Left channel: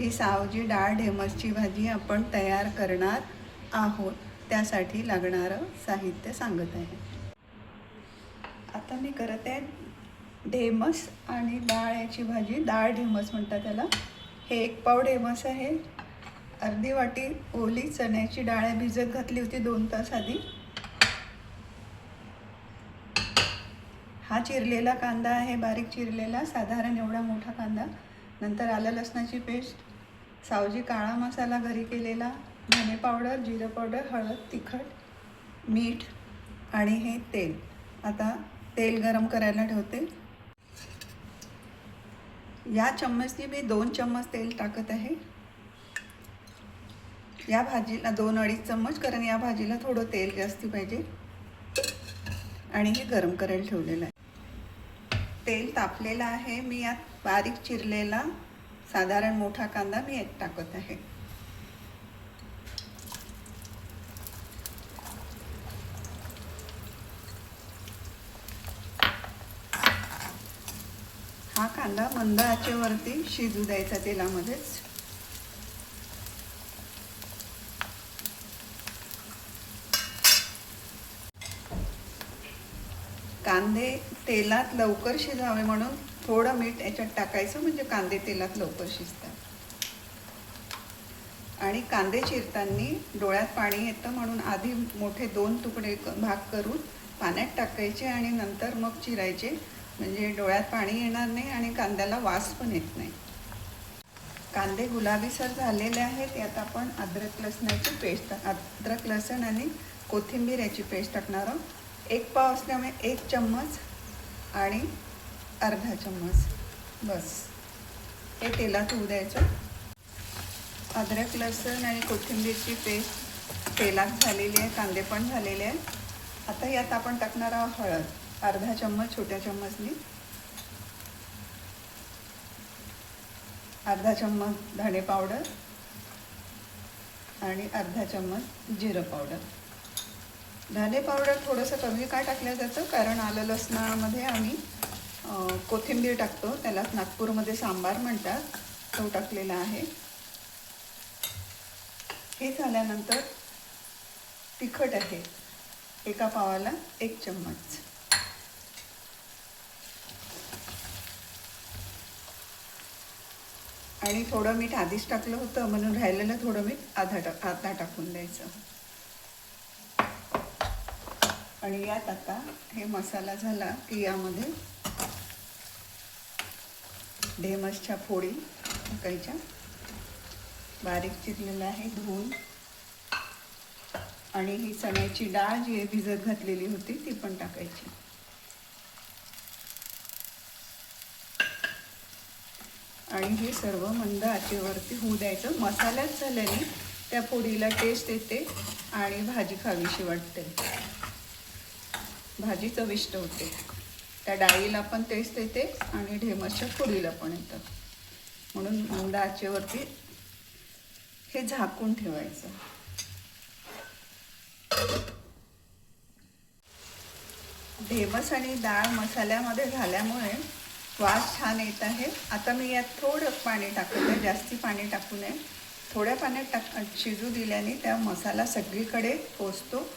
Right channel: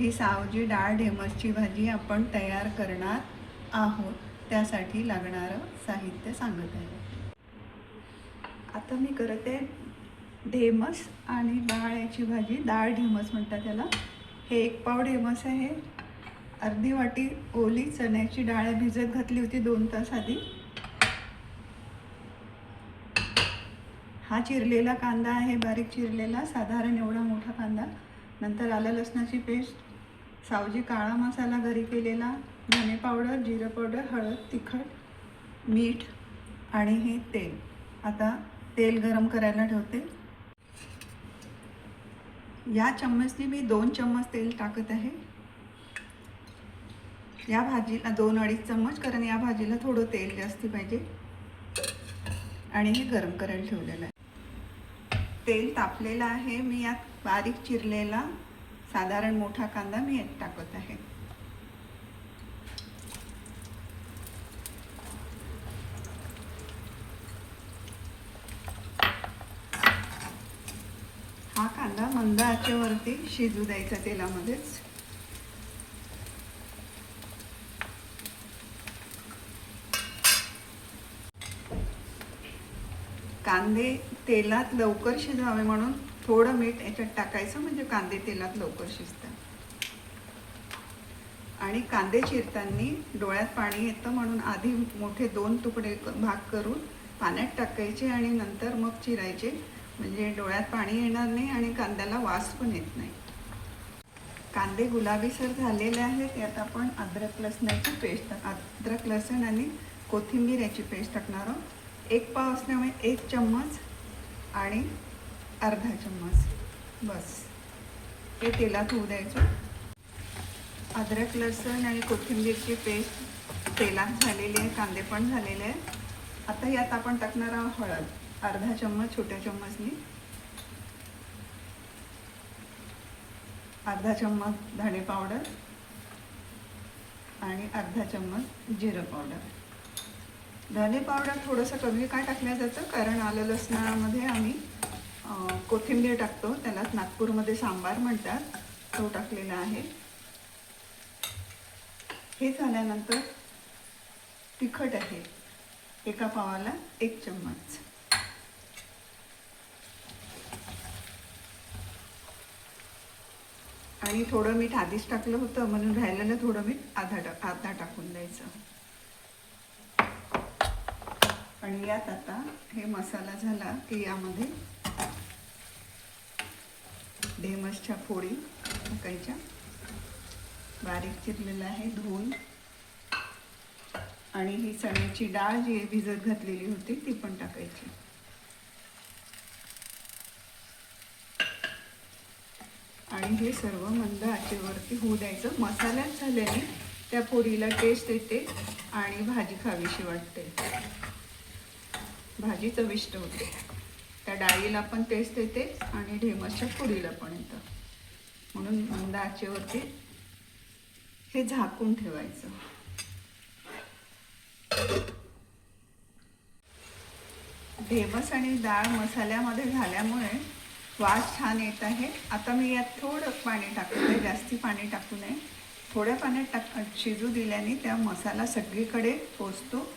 ही सावजी डाळ ढेमसची भाजी आपण तयार करणार आहोत. त्यासाठी लागणारं साहित्य सांगत आहे. आता मी करत आहे ढेमस आणि डाळ याची भाजी. डाळ ढेमस म्हणतात त्याला. हे 1 पाव ढेमस आहे. अर्धी वाटी ओली चण्याची डाळ भिजत घातली होती 2 तास आधी. हा चिरलेला कांदा आहे, बारीक चिरलेला, साधारण एवढा मोठा कांदा. नंतर आलं लसणाची पेस्ट, सावजी काळा मसाला घरी केलेला, धने पावडर, जिरे पावडर, हळद, तिखट, मीठ आणि हे तेल. आता तेल गरम करायला ठेवते. या चम्मचने मी 2 चम्मच तेल टाकत आहे. या भाजीला 2-2.5 चम्मच, कारण या भाजीला थोडं तेल जास्ती पाहिजे. आणि हे गरम करायला ठेवलेलं आहे. तेल तापलेलं आहे. मी यात बारीक चिरलेला साधारण मोठा कांदा मी यात टाकत आहे. हा कांदा मंद आचेवरती शिजू द्यायचा तेलामध्येच. कांदे तेलात लवकर शिजावे म्हणून थोडं मीठ याच्यात टाकायचं, म्हणजे कांदे तेलात लवकर शिजतात. आणि कांदे चिरताना डोळ्यात पाणी येतं, म्हणून आधी मोठे 2 तुकडे भाग करून पाण्यात टाकायचे आणि नंतर मग चिरायचे, म्हणजे डोळ्यात पाणी येणार नाही आणि कांद्याला वास पण येत नाही. कांदे गुलाबीसर झालेले आहेत. यात आपण अद्रक लसणाची पेस्ट, अद्रक लसण आणि कोथिंबीर याची पेस्ट टाकणार आहोत. 1 पाव असल्यामुळे 1 चम्मच आणि अर्धा चम्मच बस. हे तेलात होऊ द्यायचं. अद्रक लसण आणि कोथिंबीरची पेस्ट तेलात झालेली आहे, कांदे पण झालेले आहेत. आता यात आपण टाकणार आहोत हळद, अर्धा चम्मच छोट्या चम्मचनी, अर्धा चम्मच धणे पावडर आणि अर्धा चम्मच जिरं पावडर. धने पावडर थोडंसं कमी का टाकलं जातं, कारण आलं लसणामध्ये आम्ही कोथिंबीर टाकतो, त्याला नागपूरमध्ये सांबार म्हणतात, तो टाकलेला आहे. हे झाल्यानंतर तिखट आहे, 1 पावाला 1 चम्मच. आणि थोडं मीठ आधीच टाकलं होतं, म्हणून राहिलेलं थोडं मीठ अर्धा टाकून द्यायचं. आणि यात आता हे मसाला झाला की यामध्ये ढेमसच्या फोडी टाकायच्या. बारीक चिरलेलं आहे धुवून. आणि ही चण्याची डाळ जी भिजत घातलेली होती ती पण टाकायची. आणि हे सर्व मंद आचेवरती होऊ द्यायचं. मसाल्यात झाल्याने त्या फोडीला टेस्ट येते आणि भाजी खावीशी वाटते, भाजी चविष्ट होते. त्या डाळीला पण टेस्ट येते आणि ढेमसच्या फोडीला पण येतं, म्हणून मंद आचेवरती हे झाकून ठेवायचं. ढेमस आणि डाळ मसाल्यामध्ये झाल्यामुळे वास छान येत आहे. आता मी यात थोडं पाणी टाकत आहे, जास्ती पाणी टाकू नये. थोड्या पाण्यात शिजू दिल्याने त्या मसाला सगळीकडे पोचतो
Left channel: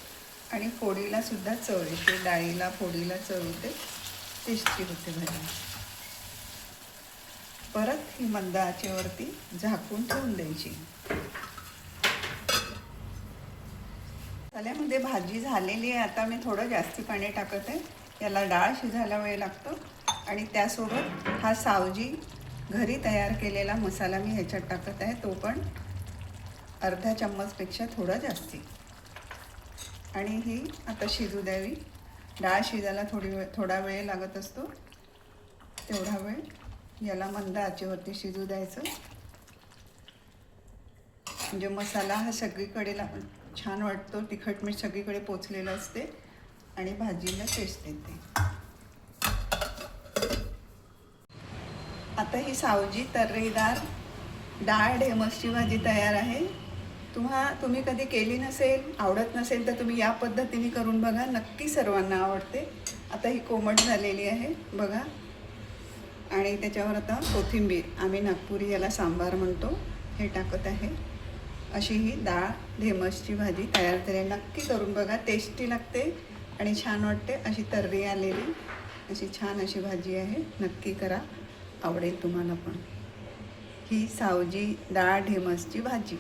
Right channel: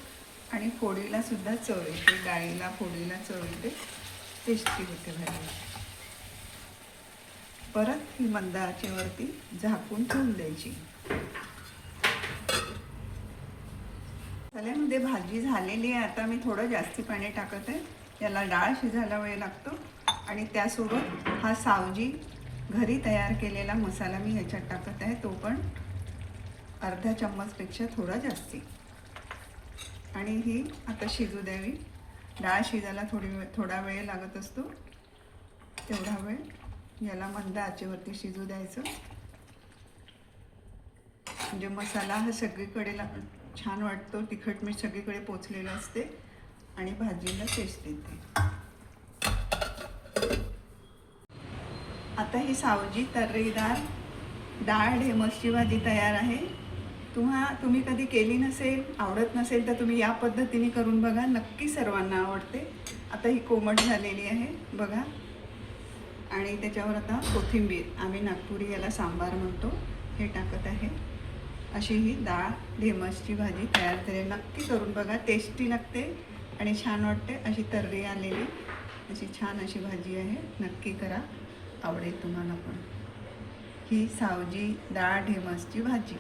आणि फोडीला सुद्धा चव येते, डाळीला फोडीला चव येते, टेस्टी होते भाजी. परत ही मंद आचेवरती झाकून ठेवून द्यायची. मसाल्यामध्ये भाजी झालेली आहे. आता मी थोडं जास्ती पाणी टाकत आहे, याला डाळ शिजायला वेळ लागतो. आणि त्यासोबत हा सावजी घरी तयार केलेला मसाला मी ह्याच्यात टाकत आहे, तो पण अर्धा चम्मचपेक्षा थोडा जास्ती. आणि ही आता शिजू द्यावी. डाळ शिजायला थोडा वेळ लागत असतो, तेवढा वेळ याला मंद आचेवरती शिजू द्यायचं, म्हणजे मसाला हा सगळीकडे छान वाटतो. तिखट मीठ सगळीकडे पोचलेलं असते आणि भाजीला टेस्ट येते. आता ही सावजी तर्रीदार डाळ ढेमसची भाजी तयार आहे. तुम्ही कधी केली नसेल, आवडत नसेल, तर तुम्ही या पद्धतीने करून बघा, नक्की सर्वांना आवडते. आता ही कोमट झालेली आहे बघा. आणि त्याच्यावर आता कोथिंबीर, आम्ही नागपुरी याला सांबार म्हणतो, हे टाकत आहे. अशी ही डाळ ढेमसची भाजी तयार झाली. नक्की करून बघा, टेस्टी लागते आणि छान वाटते. अशी तर्री आलेली अशी छान अशी भाजी आहे. नक्की करा, आवडेल तुम्हाला पण. ही सावजी डाळ ढेमसची भाजी.